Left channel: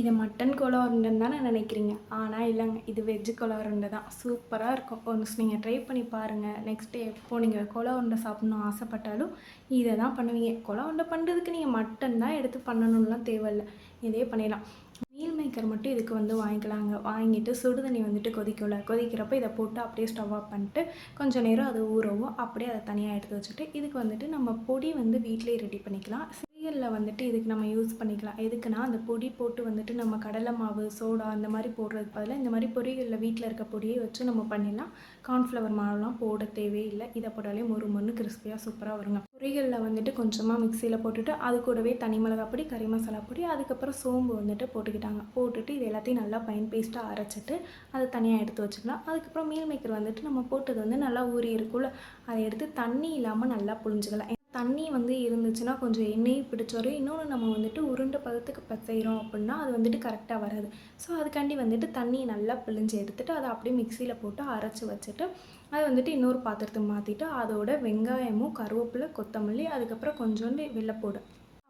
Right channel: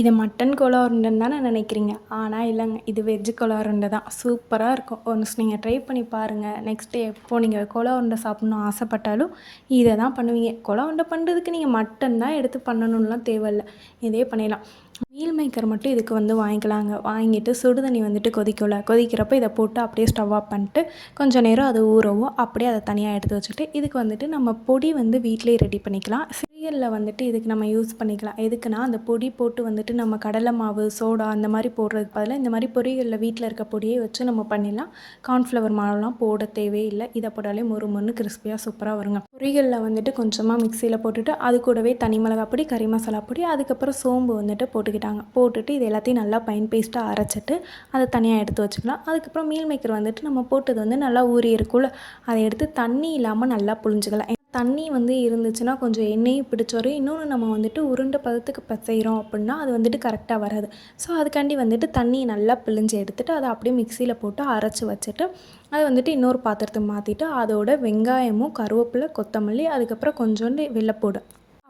இது mutton Cola உருண்டைன்னு தானே நினைக்கிறீங்க. ஆனால் இல்லைங்க, இது வெஜ்ஜு கோலா உருண்டை தான். சூப்பராக இருக்கும். ஒன்ஸ் நீங்கள் ட்ரை பண்ணி பாருங்கள். நெக்ஸ்ட்டு எப்போ நீங்கள் கோலா உருண்டை சாப்பிட்ணுன்னு ஆசைப்பட்டாலும் இதை தான் பண்ணுவீங்க. கோலா உருண்டை பண்ணுறதுக்கு நீங்கள் மட்டன் தான் எடுத்து பண்ணணும்லாம் தேவையில்ல. இதே பண்ணிடலாம். மீல் மேக்கர் மட்டும் இதுக்கு வாங்கிக்கலாங்க. வாங்கிட்டு சுடு தண்ணி கொதிக்கும்ல, கொதிக்கிறப்ப இதை போட்டு அப்படியே ஸ்டவ் ஆஃப் பண்ணிட்டு கொஞ்சம் நேரம் அது ஊறவும் அப்படியே அதை தனியாக எடுத்து வச்சுட்டு இதுக்கு நம்ம பொடி வீட்டிலேயே ரெடி பண்ணிக்கலாம். சீரியலில் இதுக்கு நம்ம யூஸ் பண்ணிக்கலாம். எதுக்குன்னா அந்த பொடி போட்டு நம்ம கடலை மாவு, சோடா அந்த மாதிரி போடுறதுக்கு பதிலாக இந்த மாதிரி பொரியலில் வீட்டில் இருக்க பொடியை வச்சு நம்ம பண்ணிடலாம். கார்ன்ஃப்ளவர் மாவுலாம் போட தேவையில்லை. இதை போட்டாலே மொறு மொறுன்னு கிறிஸ்பியாக சூப்பராக வருங்க. பொரியலில் கொஞ்சமாக மிக்சியில் போட்டுட்டு அது கூடவே தனி மிளகாய் பொடி, கறி மசாலா பொடி, அதுக்கப்புறம் சோம்பு போட்டுட்டு இது எல்லாத்தையும் நல்லா ஃபைன் பேஸ்ட்டாக அரைச்சிட்டு அதை தனியாக எடுத்து வச்சுக்கலாம். அதுக்கப்புறம் மீல் மேக்கர் நம்ம போட்டது நல்லா ஊறி இருக்கும்ல, அதை எடுத்து தண்ணி இல்லாமல் நல்லா புழிஞ்சிக்கலாம். தண்ணி இருந்துச்சுன்னா கொஞ்சம் எண்ணெயும் பிடிச்சி வரும். இன்னொன்று நம்ம உருண்டை பதத்துக்கு செய்கிறோம் அப்படின்னா அது கரெக்டாக வராது. ஸோ அதுக்காண்டி தண்ணியை நல்லா பிழிஞ்சு எடுத்துகிட்டு அதை அப்படியே மிக்சியில் போட்டு அரைச்சி வச்சுட்டு அதை இன்னொரு பாத்திரத்துக்கு மாற்றிட்டு அதோட வெங்காயமும், கருவேப்பிலை, கொத்தமல்லி, அதுக்கப்புறம் கொஞ்சோண்டு வெள்ளைப்பூடு,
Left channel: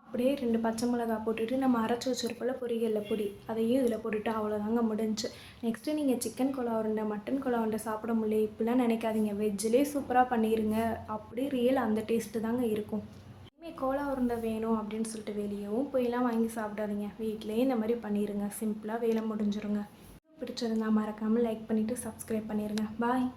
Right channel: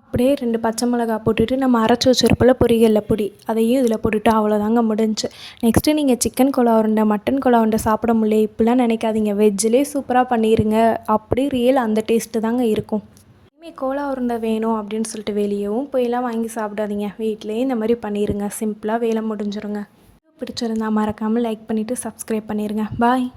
அப்படியே 2 பச்சை மிளகாய் போட்டுட்டு நம்ம அரைச்சி வச்சிருப்போம்ல பொரியல்ல பொடி, அதையும் இதில் போட்டுட்டு அவ்வளோதாங்க முடிஞ்சுச்சு. நெக்ஸ்ட்டு நீங்கள் சிக்கன் கோலா உருண்டை, மட்டன் கோலா உருண்டை சாப்பிட முடியல இப்படிலாம் நினைக்காதீங்க. வெஜ்ஜிலே சூப்பராக பண்ணிடுங்க. அப்படியே ரியல் அந்த டேஸ்ட்டு தாங்க இருக்கும். இனிமேல் கோலா உருண்டை வேணும் அப்படின்னு சொல்லிட்டு வெளியவும் போயெல்லாம் வாங்கி சாப்பிடாதீங்க. வீட்டிலேயே இந்த மாதிரி பண்ணிடுங்க. சிம்பிளாக வேலை முடிஞ்சிருங்க. பிடிச்சிருந்தா மறக்காமல் லைக் பண்ணிவிட்டு சப்ஸ்கிரைப் பண்ணிடுங்க. பாய்.